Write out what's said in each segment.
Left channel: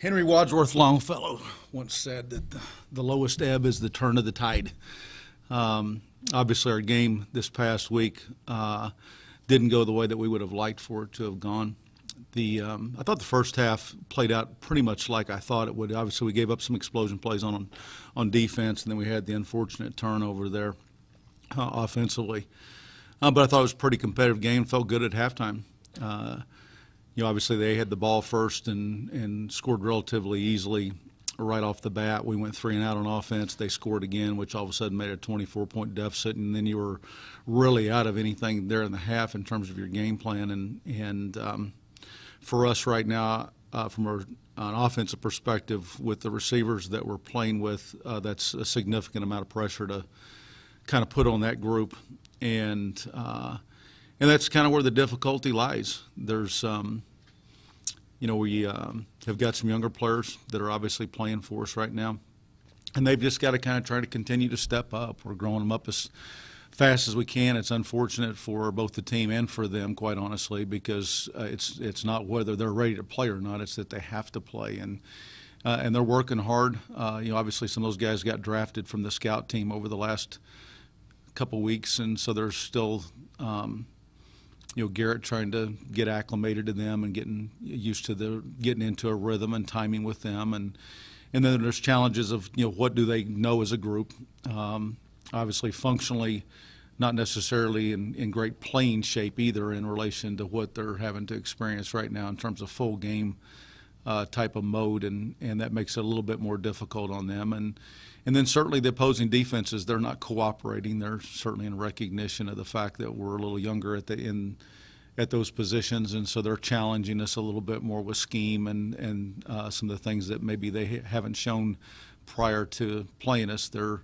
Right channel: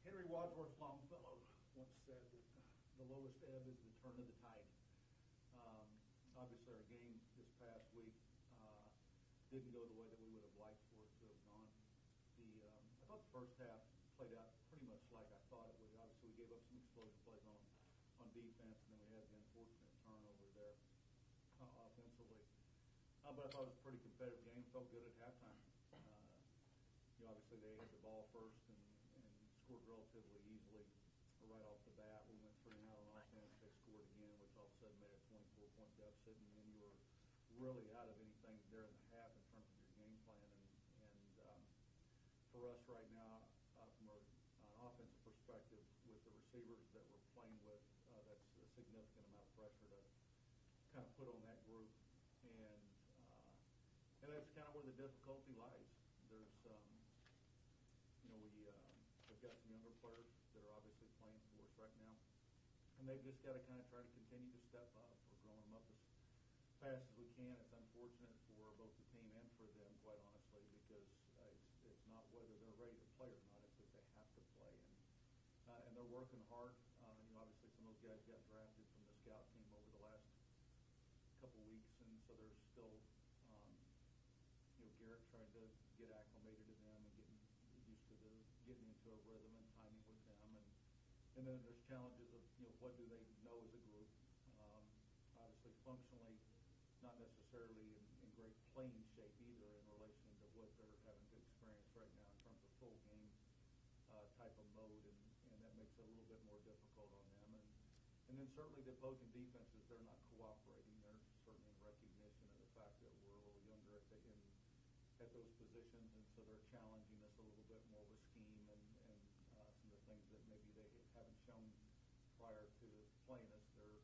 Henry Wadsworth Longfellow once said that the lowest ebb is the turn of the tide. Obviously, our game this past week didn't go the way that we would have liked for it to have gone. I thought the first half played out pretty much like I thought it would. Obviously, we gave up some explosion plays on defense, and then we had the unfortunate turnover there offensively. But I thought it was a pretty competitive game. Felt good at halftime. Obviously they had the ball first and scored relatively easily right off the bat. We went 3 and out on offense. They scored again, which all of a sudden made a 24-point deficit, and then you were really out of anything there in the half in terms of your game plan. And for us right now, from an offensive perspective, with the receivers that we're playing with, that's a significant amount of pressure to kind of put on that group. And that's kind of where the difficulty lies. There's, we have got some younger players that are obviously playing for us right now, and they've just got to kind of try to continue to step up. We're growing them up as fast as we can. It's unfortunate for both the team and for them, quite honestly, because it's not whether they're ready to play or not. It's that they have to play, and they're working hard. Obviously some of those guys got drafted from the scout team over the last couple weeks, and so they're still Garrett trying to get acclimated to them and getting used to getting into a rhythm and timing with them, and then there's challenges of what do they know as a group. Obviously functionally not necessarily in great playing shape either in relation to what they're having to experience right now in terms of full game type of mode, and that makes it a little bit more difficult on them. And then certainly the opposing defenses, they're not cooperating. They're certainly in recognition of the fact that we're a little younger at those positions, and so they're challenging us a little bit more with scheme and some of the things that maybe they haven't shown prior to playing us. They're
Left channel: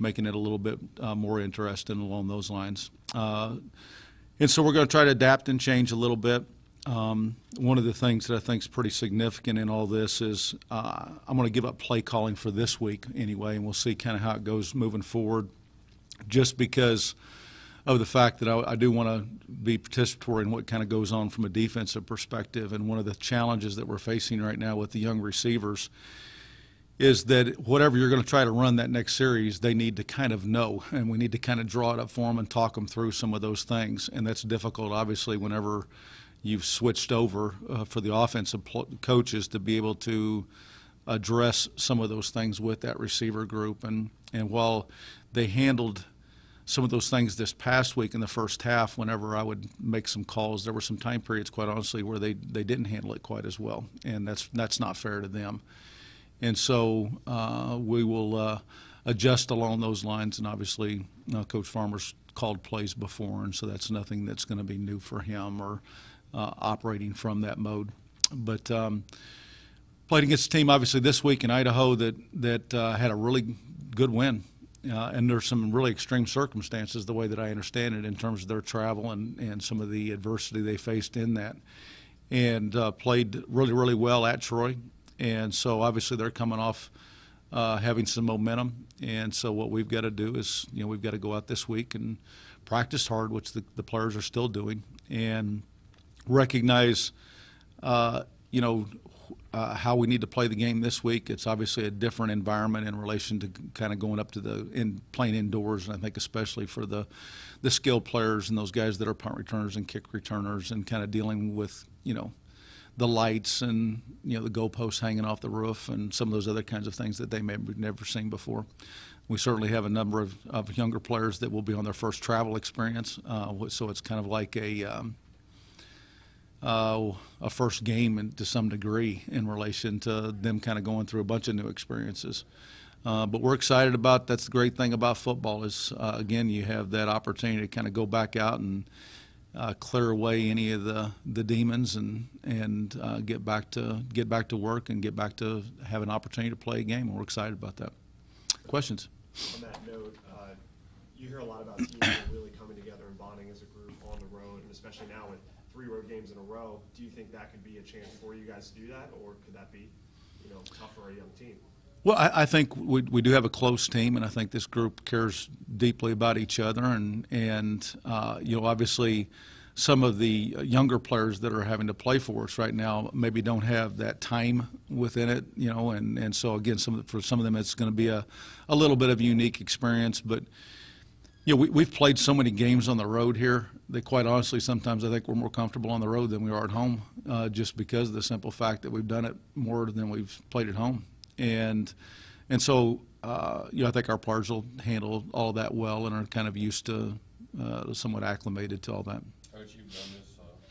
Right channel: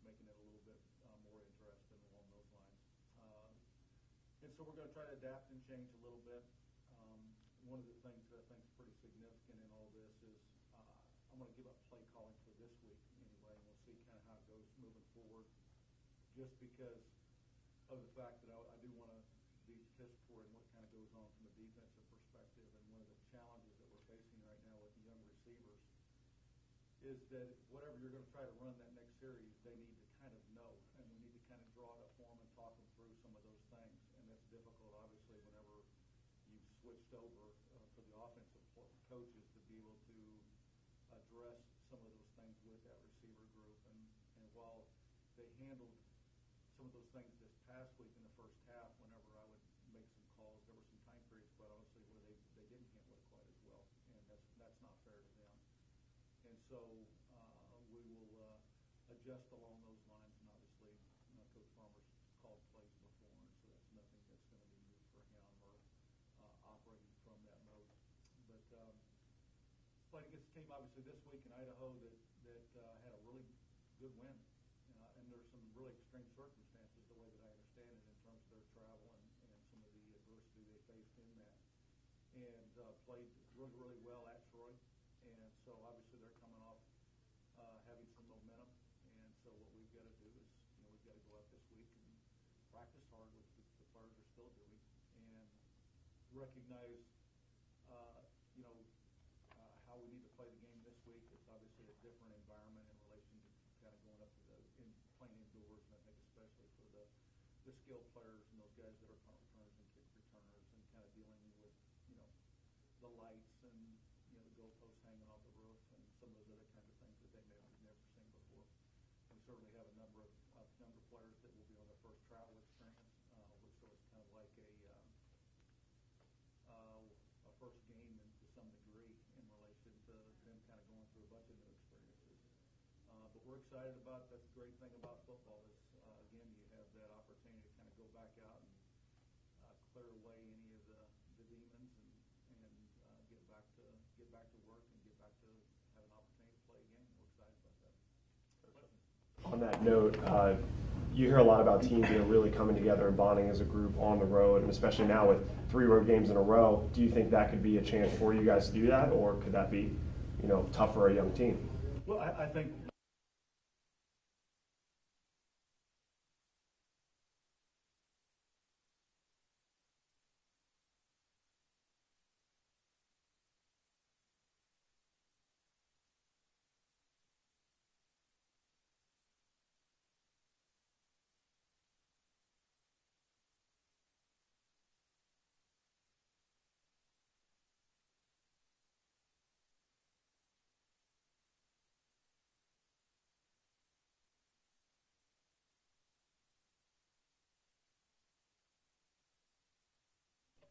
making it a little bit more interesting along those lines. And so we're going to try to adapt and change a little bit. One of the things that I think is pretty significant in all this is I'm going to give up play calling for this week anyway, and we'll see kind of how it goes moving forward, just because of the fact that I do want to be participatory in what kind of goes on from a defensive perspective. And one of the challenges that we're facing right now with the young receivers is that whatever you're going to try to run that next series, they need to kind of know, and we need to kind of draw it up for them and talk them through some of those things. And that's difficult, obviously, whenever you've switched over for the offensive coaches to be able to address some of those things with that receiver group. And while they handled some of those things this past week in the first half, whenever I would make some calls, there were some time periods, quite honestly, where they didn't handle it quite as well, and that's not fair to them. And so we will adjust along those lines, and obviously Coach Farmer's called plays before, and so that's nothing that's going to be new for him or operating from that mode. But played against a team obviously this week in Idaho that had a really good win. And there's some really extreme circumstances, the way that I understand it, in terms of their travel and some of the adversity they faced in that, and played really, really well at Troy. And so obviously they're coming off having some momentum. And so what we've got to do is, we've got to go out this week and practice hard, which the players are still doing, and recognize, how we need to play the game this week. It's obviously a different environment in relation to kind of going up to playing indoors, and I think especially for the skilled players and those guys that are punt returners and kick returners, and kind of dealing with, the lights and, the goalposts hanging off the roof and some of those other kinds of things that they may have never seen before. We certainly have a number of younger players that will be on their first travel experience, so it's kind of like a first game to some degree in relation to them kind of going through a bunch of new experiences. But we're excited about, that's the great thing about football is, again, you have that opportunity to kind of go back out and clear away any of the demons and get back to work and get back to have an opportunity to play a game. And we're excited about that. Questions? On that note, you hear a lot about teams really coming together and bonding as a group on the road, and especially now with 3 road games in a row. Do you think that could be a chance for you guys to do that, or could that be, tough for a young team? Well, I think we do have a close team, and I think this group cares deeply about each other, and obviously some of the younger players that are having to play for us right now maybe don't have that time within it, and so again, for some of them it's going to be a little bit of a unique experience. But we've played so many games on the road here that quite honestly sometimes I think we're more comfortable on the road than we are at home, just because of the simple fact that we've done it more than we've played at home. And so I think our players will handle all of that well and are kind of used to, somewhat acclimated to all that. Coach, you've done this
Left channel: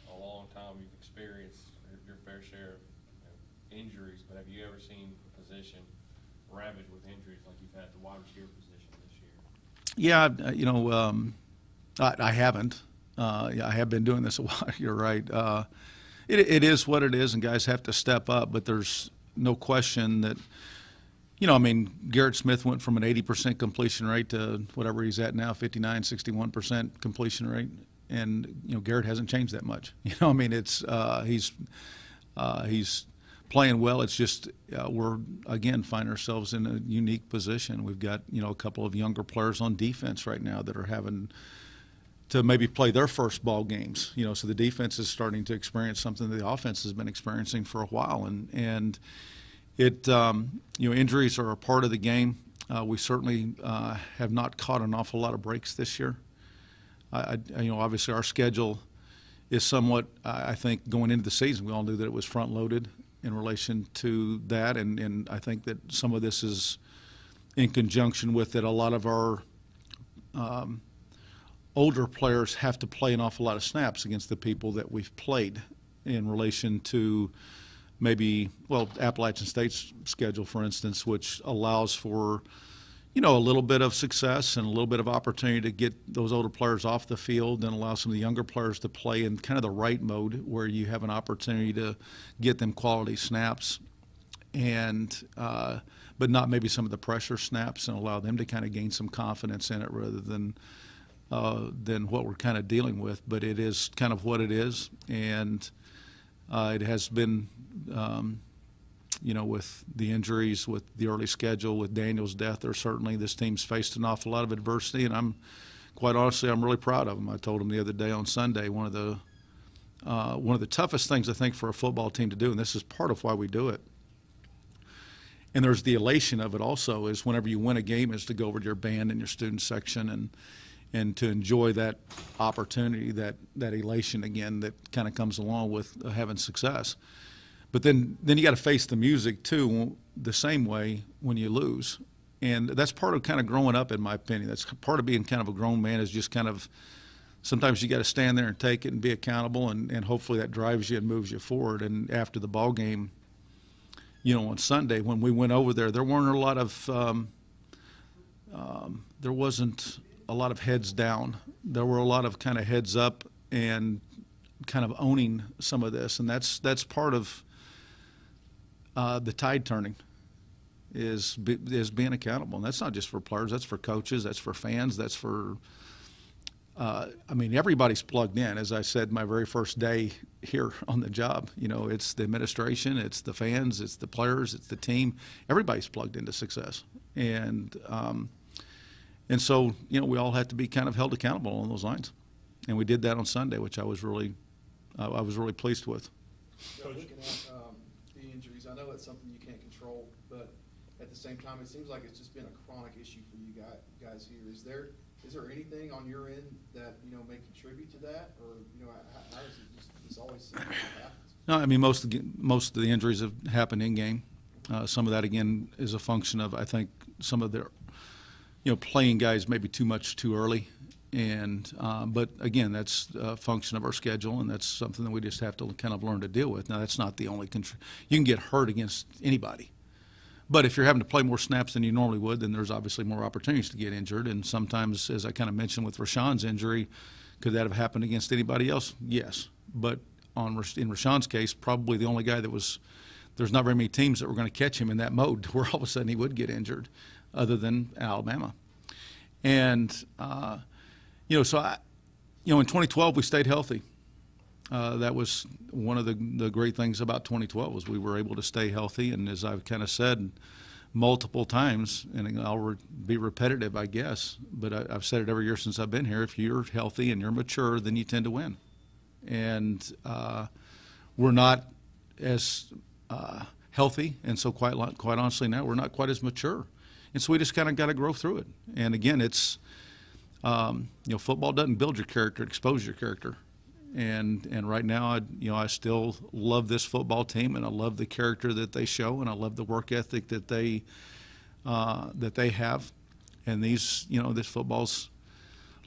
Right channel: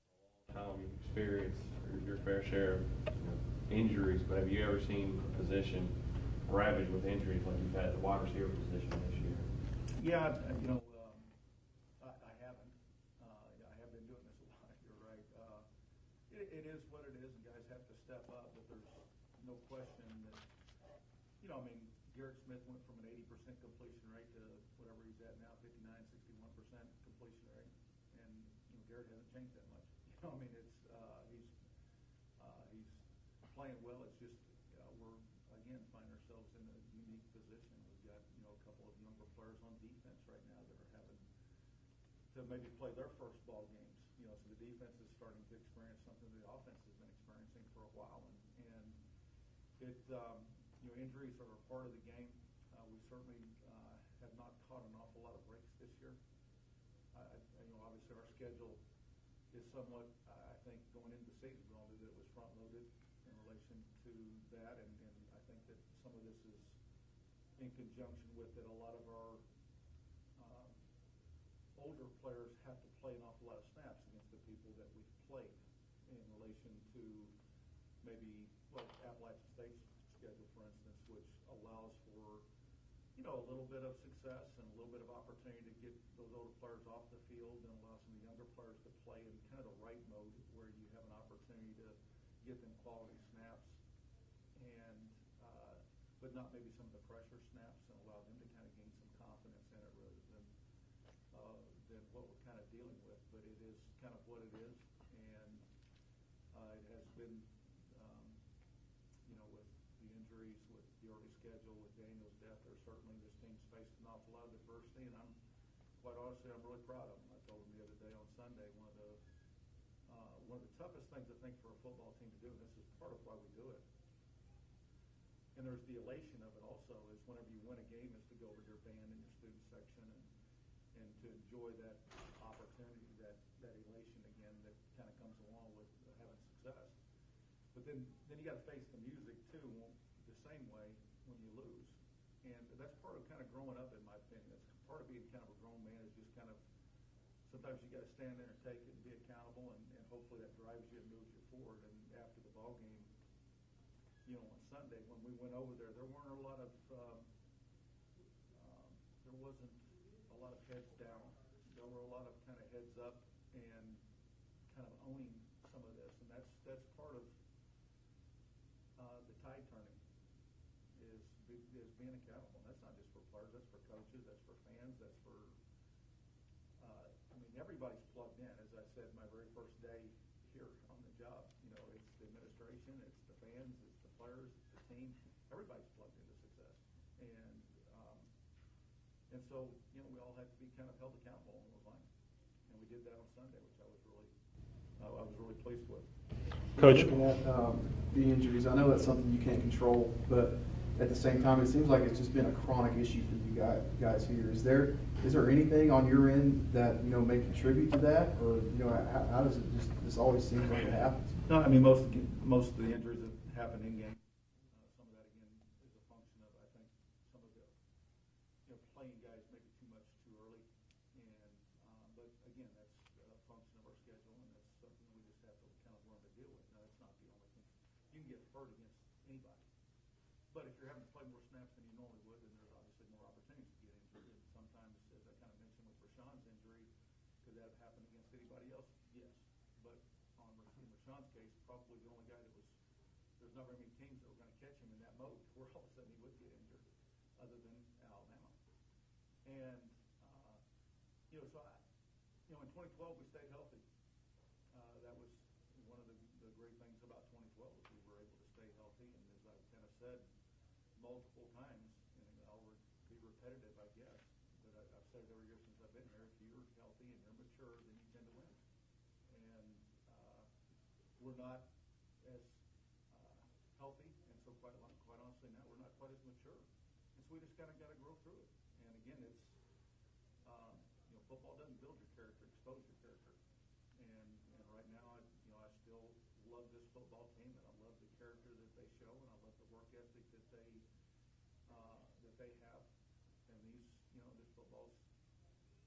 a long time. You've experienced your fair share of injuries, but have you ever seen a position ravaged with injuries like you've had the wide receiver position this year? Yeah, I haven't. I have been doing this a while. You're right. It is what it is, and guys have to step up. But there's no question that, Garrett Smith went from an 80% completion rate to whatever he's at now, 59, 61% completion rate, and Garrett hasn't changed that much. It's he's playing well. It's just we're again find ourselves in a unique position. We've got a couple of younger players on defense right now that are having to maybe play their first ball games. So the defense is starting to experience something that the offense has been experiencing for a while, and it injuries are a part of the game. We certainly have not caught an awful lot of breaks this year. Obviously our schedule is somewhat, I think, going into the season, we all knew that it was front-loaded in relation to that, and I think that some of this is in conjunction with that a lot of our older players have to play an awful lot of snaps against the people that we've played in relation to maybe, Appalachian State's schedule, for instance, which allows for, a little bit of success and a little bit of opportunity to get those older players off the field and allow some of the younger players to play in kind of the right mode where you have an opportunity to get them quality snaps and but not maybe some of the pressure snaps, and allow them to kind of gain some confidence in it rather than what we're kind of dealing with. But it is kind of what it is, and it has been with the injuries, with the early schedule, with Daniel's death, this team's faced an awful lot of adversity, and I'm really proud of them. I told them the other day on Sunday, one of the toughest things I think for a football team to do, and this is part of why we do it, and there's the elation of it also, is whenever you win a game is to go over to your band and your student section and to enjoy that opportunity, that elation again that kind of comes along with having success. But then you got to face the music too, the same way when you lose, and that's part of kind of growing up, in my opinion. That's part of being kind of a grown man, is just kind of sometimes you got to stand there and take it and be accountable, and hopefully that drives you and moves you forward. And after the ball game, on Sunday when we went over there, there weren't a lot of there wasn't a lot of heads down. There were a lot of kind of heads up and kind of owning some of this, and that's part of the tide turning, is being accountable. And that's not just for players, that's for coaches, that's for fans, that's for everybody's plugged in. As I said, my very first day here on the job, it's the administration, it's the fans, it's the players, it's the team. Everybody's plugged into success, and so we all have to be kind of held accountable along those lines, and we did that on Sunday, which I was really pleased with. Coach, looking at the injuries, I know that's something you can't control, but at the same time, it seems like it's just been a chronic issue for you guys here. Is there anything on your end that may contribute to that, or how does it just always seem like it happens? No, most of the injuries have happened in game. Some of that again is a function of, I think, some of their playing guys maybe too much too early. And but again, that's a function of our schedule, and that's something that we just have to kind of learn to deal with. Now, that's not the only you can get hurt against anybody, but if you're having to play more snaps than you normally would, then there's obviously more opportunities to get injured. And sometimes, as I kind of mentioned with Rashawn's injury, could that have happened against anybody else? Yes, but in Rashawn's case, probably the only guy there's not very many teams that were going to catch him in that mode where all of a sudden he would get injured, other than Alabama. And so in 2012 we stayed healthy. That was one of the great things about 2012, was we were able to stay healthy. And as I've kind of said multiple times, and I'll be repetitive, I guess, but I've said it every year since I've been here, if you're healthy and you're mature, then you tend to win. and we're not as healthy, and so quite honestly now we're not quite as mature, and so we just kind of got to grow through it. And again, it's football doesn't build your character; it exposes your character. And right now, I still love this football team, and I love the character that they show, and I love the work ethic that they have. And this football's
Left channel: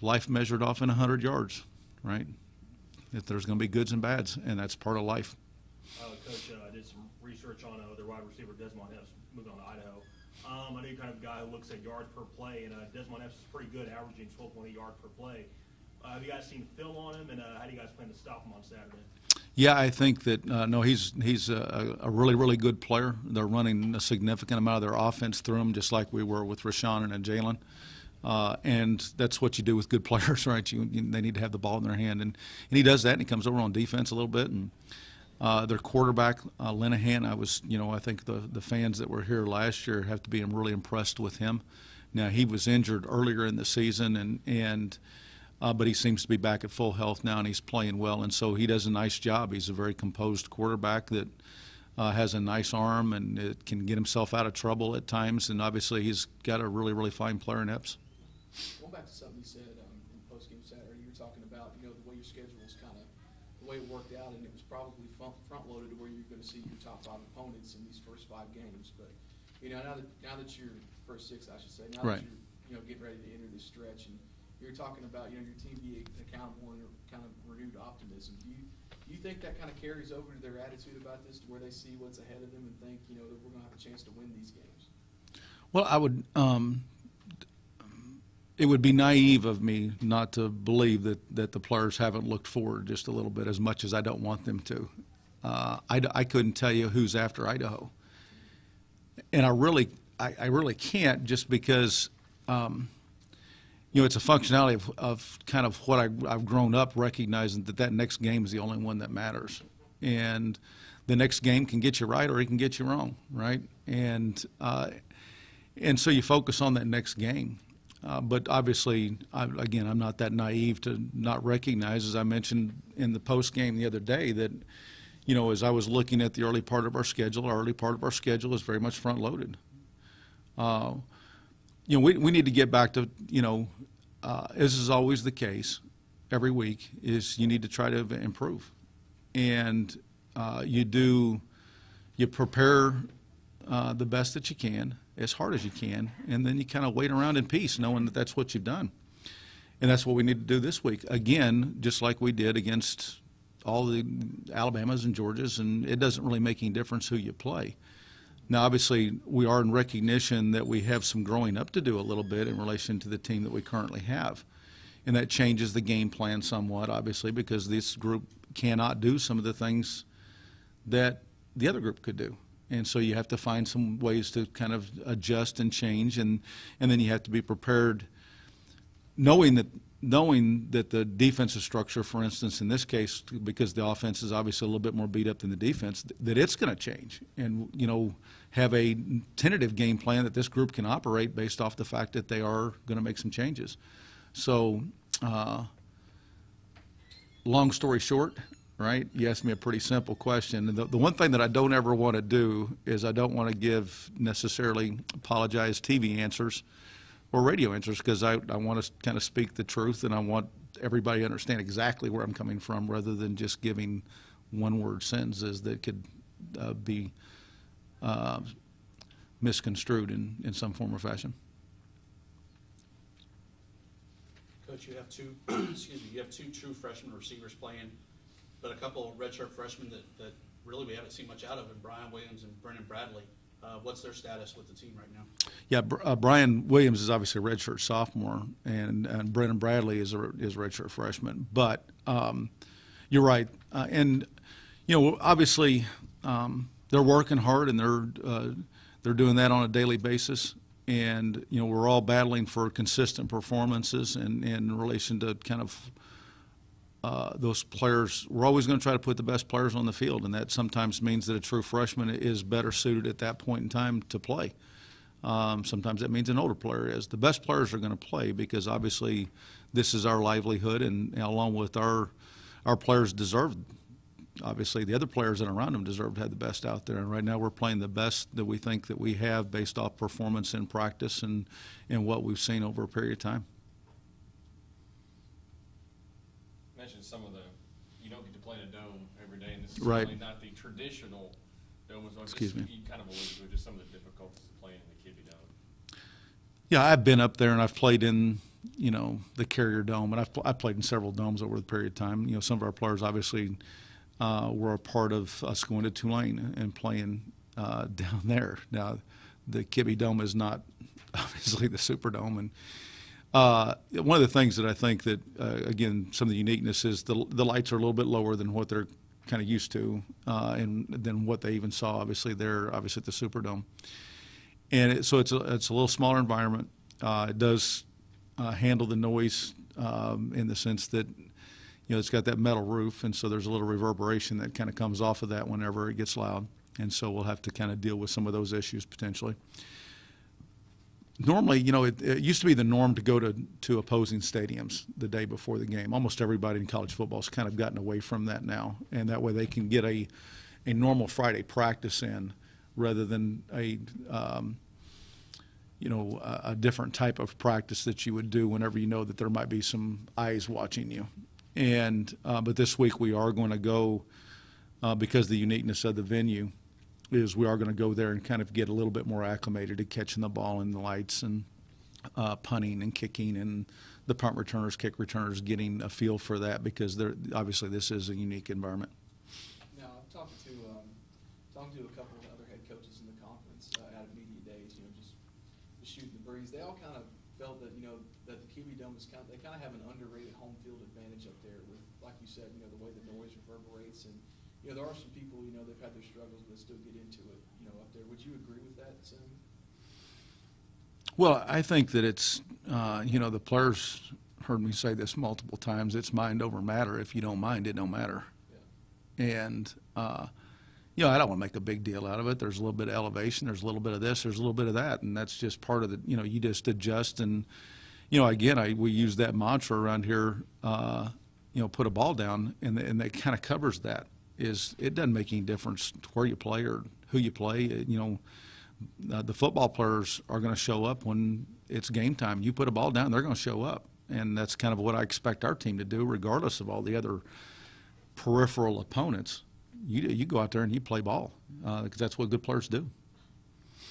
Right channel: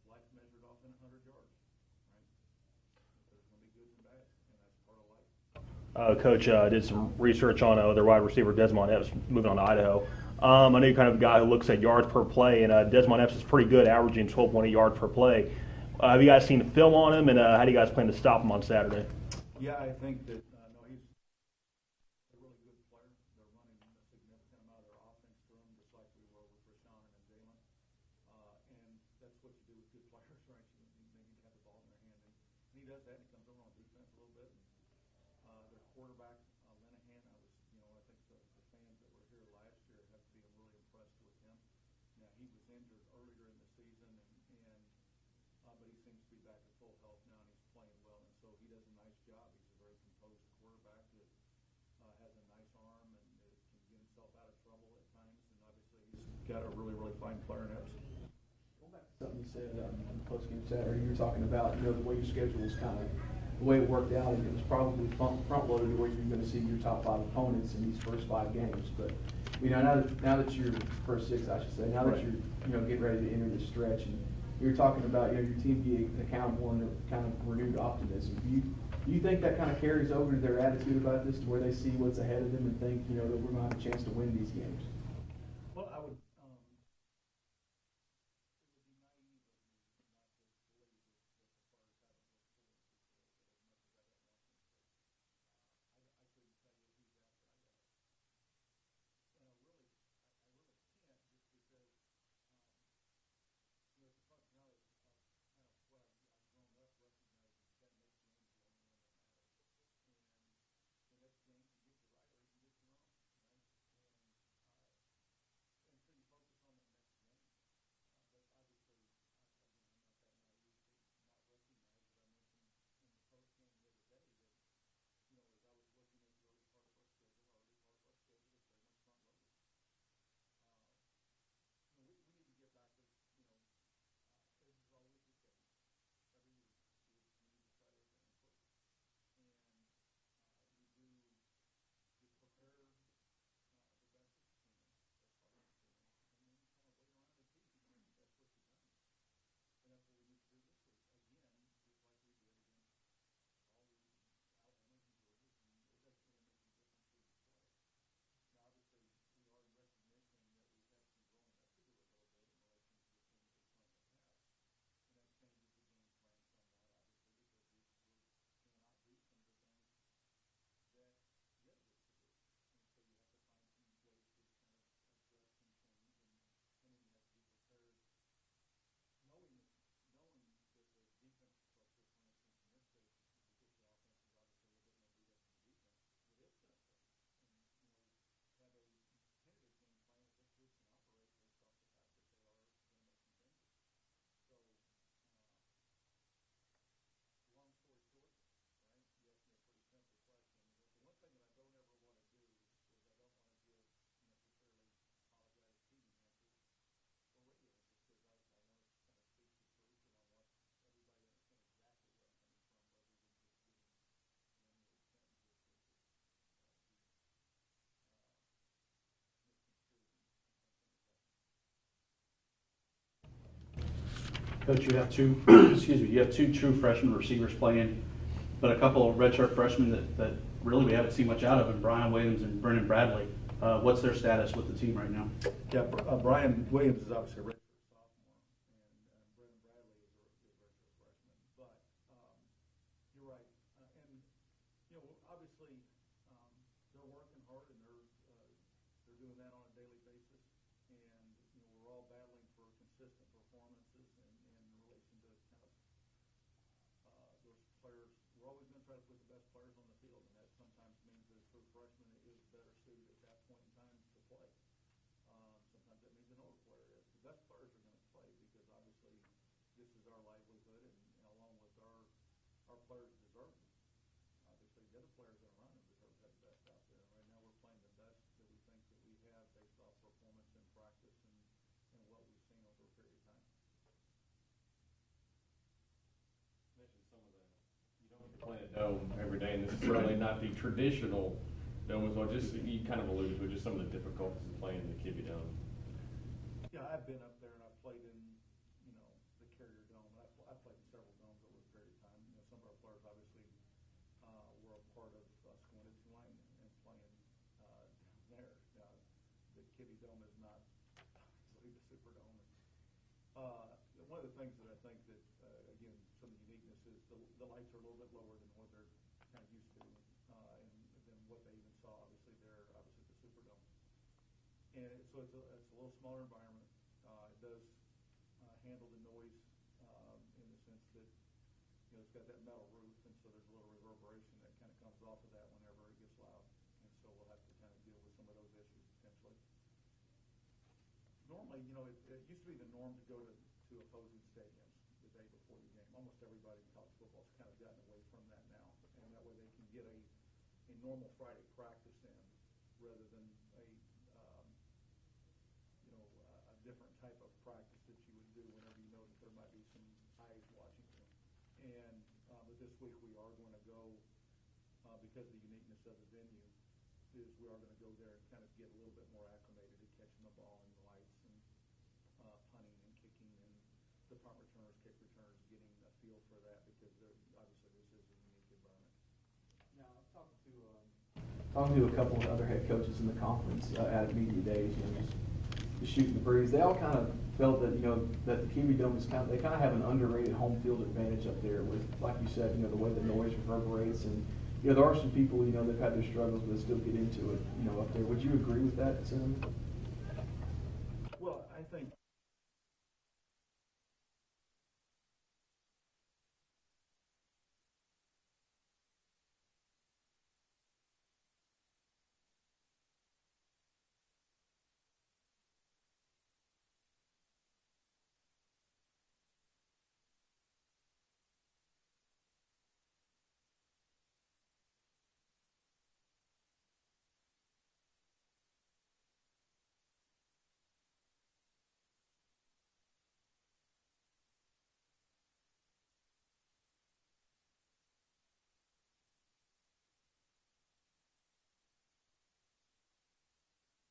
life measured off in 100 yards, right? That there's going to be goods and bads, and that's part of life. Coach did some research on their wide receiver Desmond Epps moving on to Idaho. I know you're kind of a guy who looks at yards per play, and Desmond Epps is pretty good, averaging 12.8 yards per play. Have you guys seen the film on him, and how do you guys plan to stop him on Saturday? Yeah, I think that no, he's a really, really good player. They're running a significant amount of their offense through him, just like we were with Rashawn and Jalen. And that's what you do with good players, right? They need to have the ball in their hand, and he does that. And he comes over on defense a little bit. And their quarterback Linehan, I think the fans that were here last year have to be really impressed with him. Now he was injured earlier in the season, but he seems to be back at full health now, and he's playing well, and so he does a nice job. He's a very composed quarterback that has a nice arm and it can get himself out of trouble at times, and obviously he's got a really, really fine player in Epps. Going back to something you said in the post-game Saturday, you were talking about the way your schedule was kind of the way it worked out, and it was probably front-loaded to where you're going to see your top 5 opponents in these first 5 games. But now that you're first 6, I should say, now that you're getting ready to enter this stretch, and you're talking about your team being accountable and kind of renewed optimism. Do you think that kind of carries over to their attitude about this, to where they see what's ahead of them and think that we're going to have a chance to win these games? Well, I would. It would be naive of me not to believe that the players haven't looked forward just a little bit, as much as I don't want them to. I couldn't tell you who's after Idaho, and I really can't, just because. It's a functionality of kind of what I've grown up recognizing, that next game is the only one that matters. And the next game can get you right or it can get you wrong, right? And so you focus on that next game. But obviously, I'm not that naive to not recognize, as I mentioned in the post game the other day, that, as I was looking at the early part of our schedule is very much front loaded. We need to get back to, as is always the case every week, is you need to try to improve. And you prepare the best that you can, as hard as you can, and then you kind of wait around in peace, knowing that that's what you've done. And that's what we need to do this week. Again, just like we did against all the Alabamas and Georgias, and it doesn't really make any difference who you play. Now, obviously, we are in recognition that we have some growing up to do a little bit in relation to the team that we currently have. And that changes the game plan somewhat, obviously, because this group cannot do some of the things that the other group could do. And so you have to find some ways to kind of adjust and change, and then you have to be prepared, knowing that the defensive structure, for instance, in this case, because the offense is obviously a little bit more beat up than the defense, that it's going to change. And, have a tentative game plan that this group can operate based off the fact that they are going to make some changes. So, long story short, right, you asked me a pretty simple question. And the one thing that I don't ever want to do is I don't want to give necessarily apologized TV answers or radio answers, because I want to kind of speak the truth, and I want everybody to understand exactly where I'm coming from, rather than just giving one-word sentences that could be misconstrued in some form or fashion. Coach, you have two you have 2 true freshman receivers playing, but a couple of redshirt freshmen that really we haven't seen much out of, and Brian Williams and Brennan Bradley. What's their status with the team right now? Yeah, Brian Williams is obviously a redshirt sophomore, and Brennan Bradley is a redshirt freshman. But you're right, and obviously they're working hard, and they're doing that on a daily basis. And we're all battling for consistent performances, and in relation to kind of those players. We're always going to try to put the best players on the field, and that sometimes means that a true freshman is better suited at that point in time to play. Sometimes that means an older player is. The best players are going to play, because obviously this is our livelihood, and along with our our players deserved. Obviously, the other players that are around them deserve to have the best out there. And right now, we're playing the best that we think that we have based off performance in practice and what we've seen over a period of time. Mentioned some of the, you don't get to play in a dome every day, and this is Right. really not the traditional dome as well. Excuse Just, me. you kind of alluded to just some of the difficulties of playing in the Kibbe Dome. Yeah, I've been up there and I've played in, the Carrier Dome, and I've played in several domes over the period of time. Some of our players obviously were a part of us going to Tulane and playing down there. Now, the Kibbe Dome is not obviously the Superdome, and one of the things that I think that again, some of the uniqueness is the lights are a little bit lower than what they're kind of used to, and than what they even saw obviously there, obviously at the Superdome. And so it's a little smaller environment. It does handle the noise in the sense that it's got that metal roof, and so there's a little reverberation that kind of comes off of that whenever it gets loud. And so we'll have to kind of deal with some of those issues potentially. Normally, it used to be the norm to go to opposing stadiums the day before the game. Almost everybody in college football has kind of gotten away from that now, and that way they can get a normal Friday practice in rather than a different type of practice that you would do whenever you know that there might be some eyes watching you. And but this week we are going to go because the uniqueness of the venue is we are going to go there and kind of get a little bit more acclimated to catching the ball in the lights and punting and kicking and the punt returners, kick returners, getting a feel for that because obviously this is a unique environment. Now, I've talked to a couple of other head coaches in the conference at media days, just shooting the breeze. They all kind of felt that that the Kibbe Dome is they kind of have an underrated home field advantage up there with, like you said, the way the noise reverberates, and there are some people that've had their struggles but still get into it up there. Would you agree with that, Sam? Well, I think that it's the players heard me say this multiple times. It's mind over matter. If you don't mind, it don't matter. Yeah. And I don't want to make a big deal out of it. There's a little bit of elevation. There's a little bit of this. There's a little bit of that, and that's just part of the. You just adjust, and again, we use that mantra around here. Put a ball down, and that kind of covers that. It doesn't make any difference where you play or who you play. The football players are going to show up when it's game time. You put a ball down, they're going to show up, and that's kind of what I expect our team to do, regardless of all the other peripheral opponents. You go out there and you play ball because that's what good players do.